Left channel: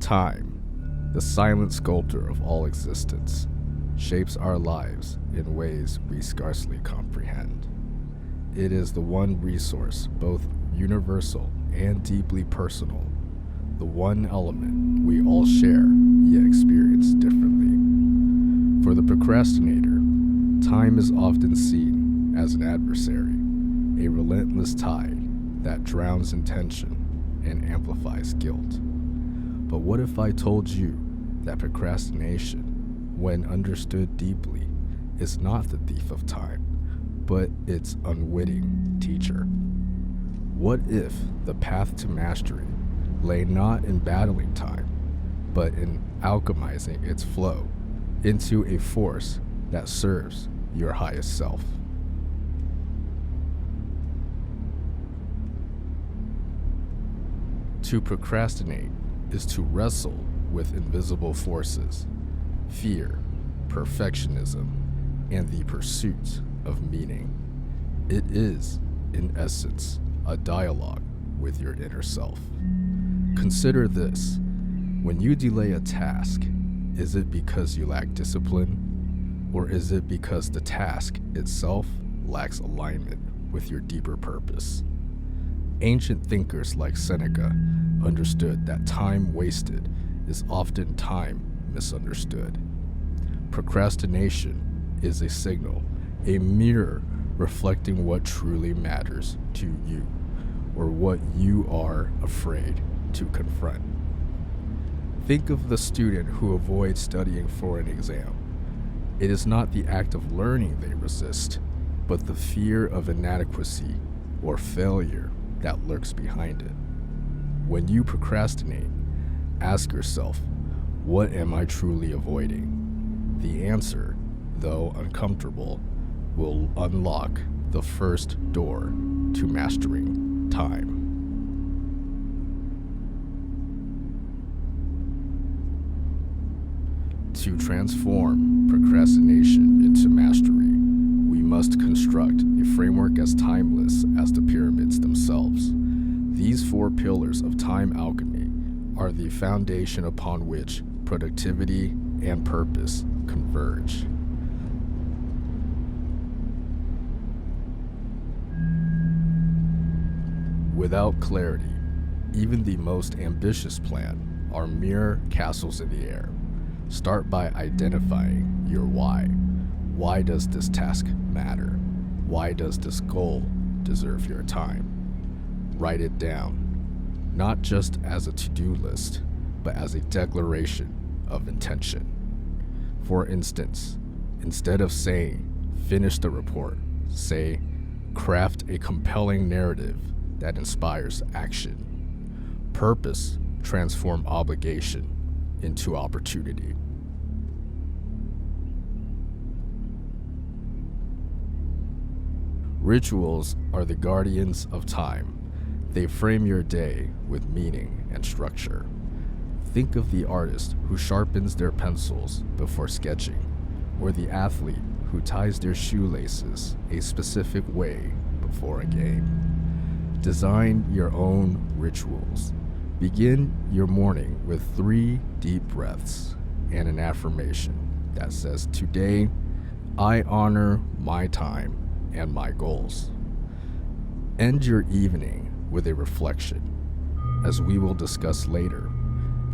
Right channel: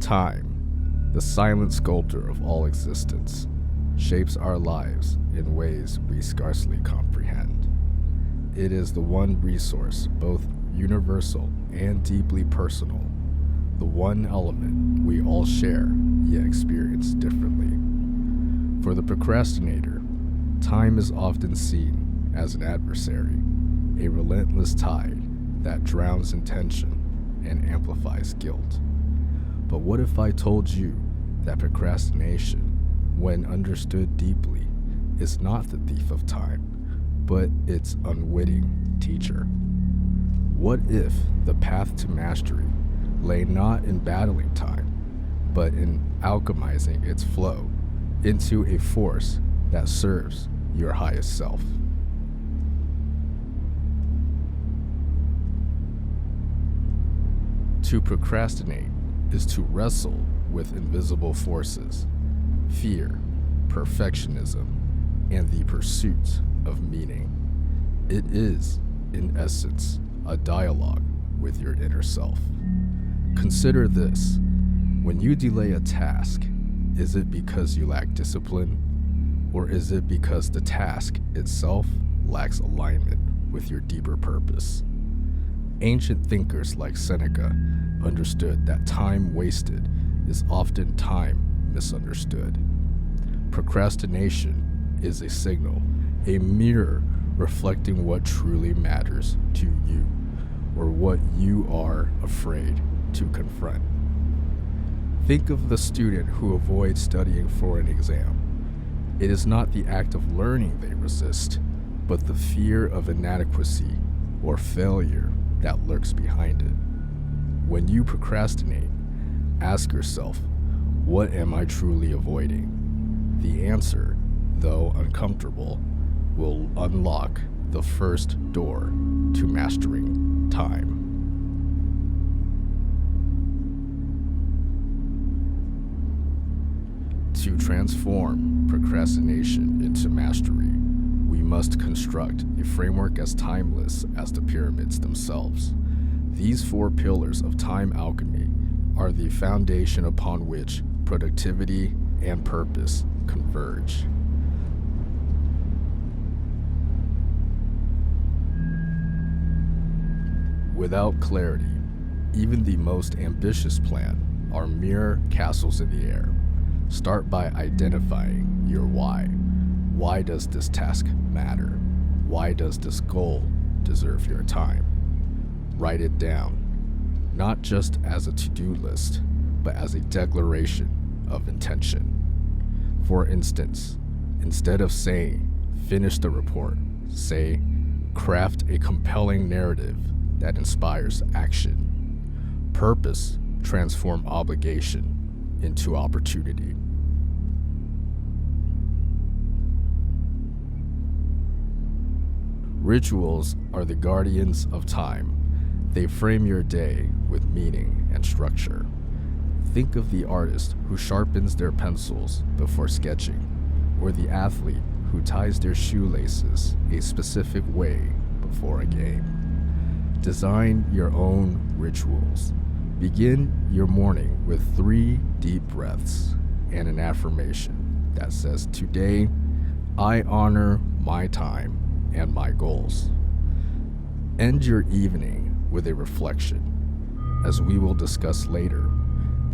Time, the silent sculptor of all existence, shapes our lives in ways we scarcely comprehend. It is the one resource, both universal and deeply personal, the one element we all share yet experience differently. For the procrastinator, time is often seen as an adversary, a relentless tide that drowns intention and amplifies guilt. But what if I told you that procrastination, when understood deeply, is not the thief of time, but its unwitting teacher? What if the path to mastery lay not in battling time, but in alchemizing its flow into a force that serves your highest self? To procrastinate is to wrestle with invisible forces, fear, perfectionism, and the pursuit of meaning. It is, in essence, a dialogue with your inner self. Consider this: when you delay a task, is it because you lack discipline, or is it because the task itself lacks alignment with your deeper purpose? Ancient thinkers like Seneca understood that time wasted is often time misunderstood. Procrastination is a signal, a mirror reflecting what truly matters to you, or what you are afraid to confront. Think of the student who avoids studying for an exam. It is not the act of learning they resist, but the fear of inadequacy or failure that lurks behind it. When you procrastinate, ask yourself, what am I truly avoiding? The answer, though uncomfortable, will unlock the first door to mastering time. To transform procrastination into mastery, we must construct a framework as timeless as the pyramids themselves. These 4 pillars of time alchemy are the foundation upon which productivity and purpose converge. Without clarity, even the most ambitious plan are mere castles in the air. Start by identifying your why. Why does this task matter? Why does this goal deserve your time? Write it down, not just as a to-do list, but as a declaration of intention. For instance, instead of saying, finish the report, say, craft a compelling narrative that inspires action. Purpose transforms obligation into opportunity. Rituals are the guardians of time. They frame your day with meaning and structure. Think of the artist who sharpens their pencils before sketching, or the athlete who ties their shoelaces a specific way before a game. Design your own rituals. Begin your morning with 3 deep breaths and an affirmation that says, today, I honor my time and my goals. End your evening with a reflection. As we will discuss later,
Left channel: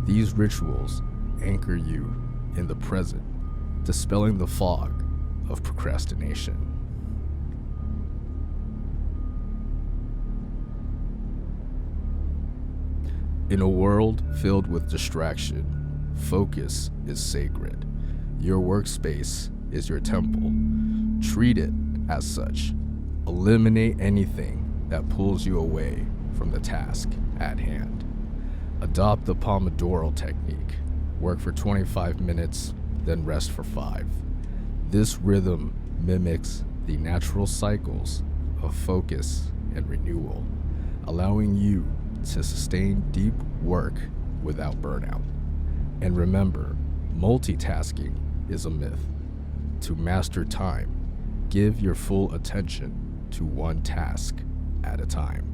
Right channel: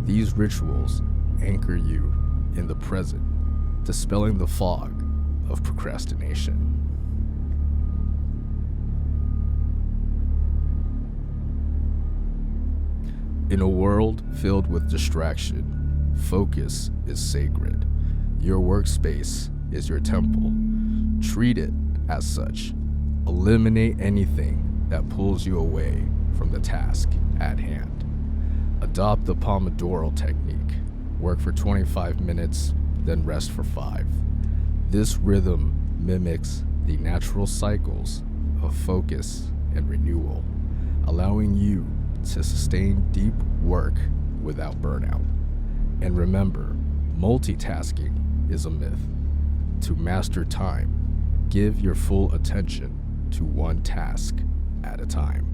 these rituals anchor you in the present, dispelling the fog of procrastination. In a world filled with distraction, focus is sacred. Your workspace is your temple. Treat it as such. Eliminate anything that pulls you away from the task at hand. Adopt the Pomodoro technique. Work for 25 minutes, then rest for 5. This rhythm mimics the natural cycles of focus and renewal, allowing you to sustain deep work without burnout. And remember, multitasking is a myth. To master time, give your full attention to one task at a time.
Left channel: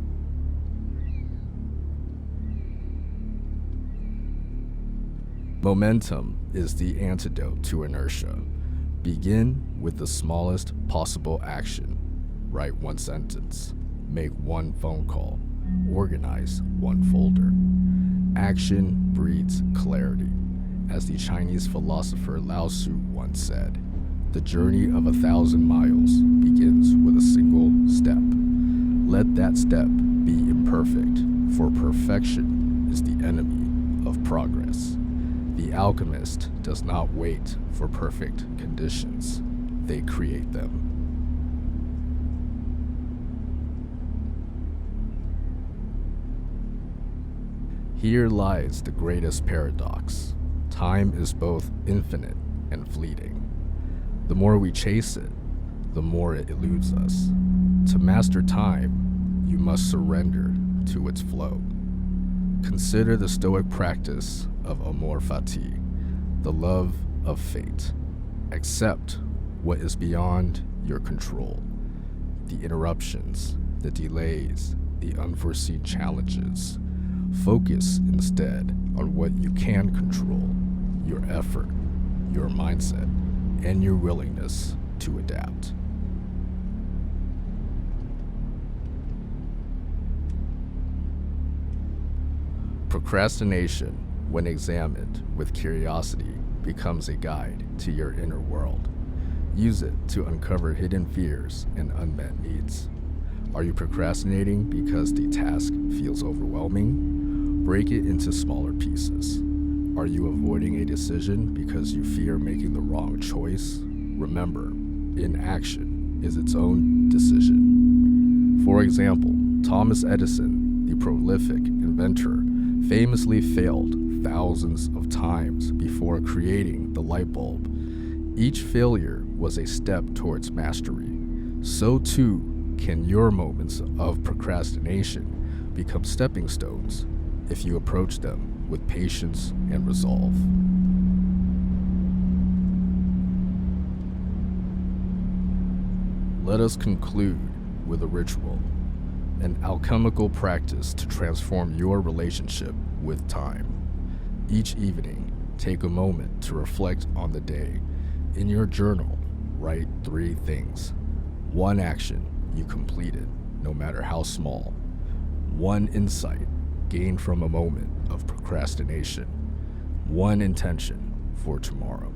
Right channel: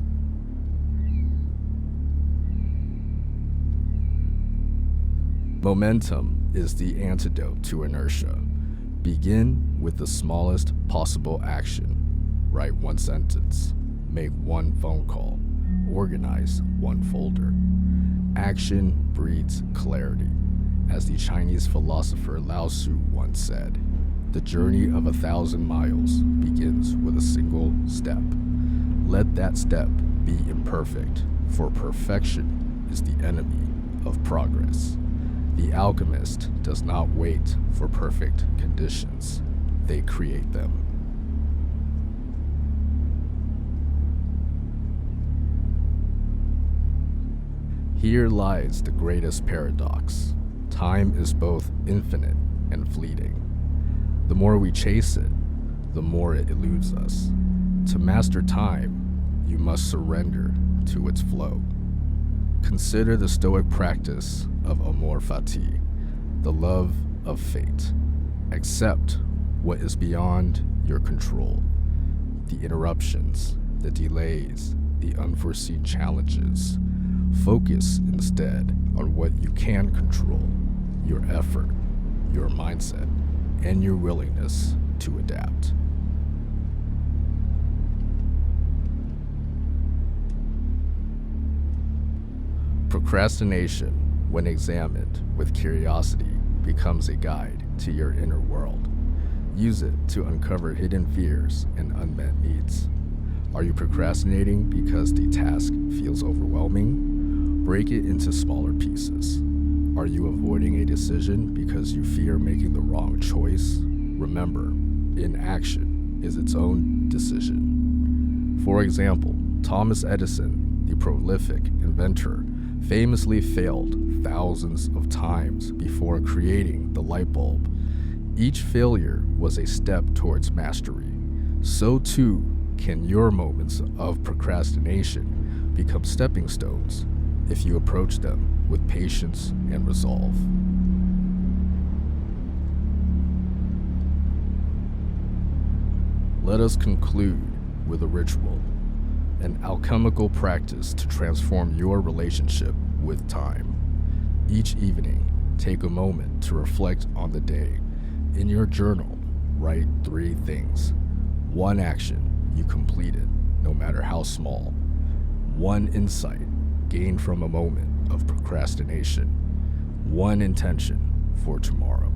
Momentum is the antidote to inertia. Begin with the smallest possible action. Write one sentence. Make one phone call. Organize one folder. Action breeds clarity. As the Chinese philosopher Lao Tzu once said, the journey of 1,000 miles begins with a single step. Let that step be imperfect, for perfection is the enemy of progress. The alchemist does not wait for perfect conditions. They create them. Here lies the greatest paradox. Time is both infinite and fleeting. The more we chase it, the more it eludes us. To master time, you must surrender to its flow. Consider the Stoic practice of amor fati, the love of fate. Accept what is beyond your control. The interruptions, the delays, the unforeseen challenges. Focus instead on what you can control, your effort, your mindset, and your willingness to adapt. Procrastination, when examined with curiosity, becomes a guide to your inner world. Use it to uncover hidden fears and unmet needs. Are you procrastinating because the task feels overwhelming? Break it into smaller pieces. Are you avoiding a decision because you fear making the wrong choice? Remember, inaction is its own decision. For example, Thomas Edison, the prolific inventor, famously failed thousands of times before creating the light bulb. Each failure was a step towards mastery. So too can your moments of procrastination become stepping stones if you approach them with patience and resolve. Let us conclude with a ritual, an alchemical practice to transform your relationship with time. Each evening, take a moment to reflect on the day. In your journal, write 3 things. 1 action you completed, no matter how small. 1 insight gained from a moment of procrastination. 1 intention for tomorrow.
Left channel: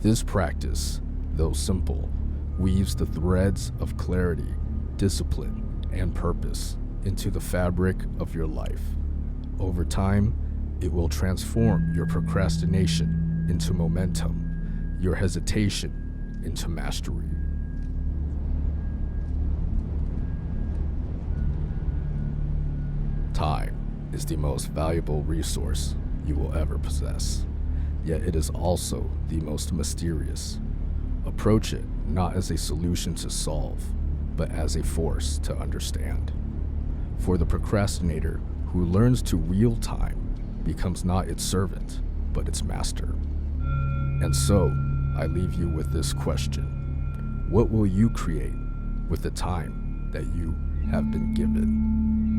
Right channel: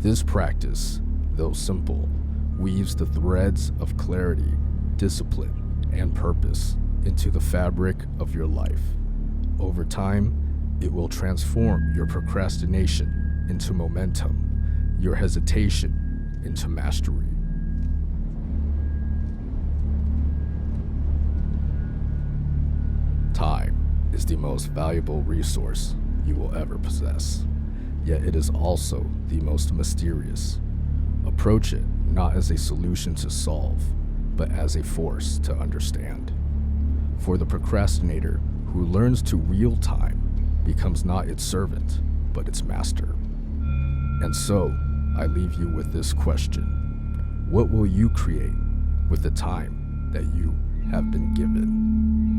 This practice, though simple, weaves the threads of clarity, discipline, and purpose into the fabric of your life. Over time, it will transform your procrastination into momentum, your hesitation into mastery. Time is the most valuable resource you will ever possess, yet it is also the most mysterious. Approach it not as a solution to solve, but as a force to understand. For the procrastinator who learns to wield time becomes not its servant, but its master. And so, I leave you with this question. What will you create with the time that you have been given?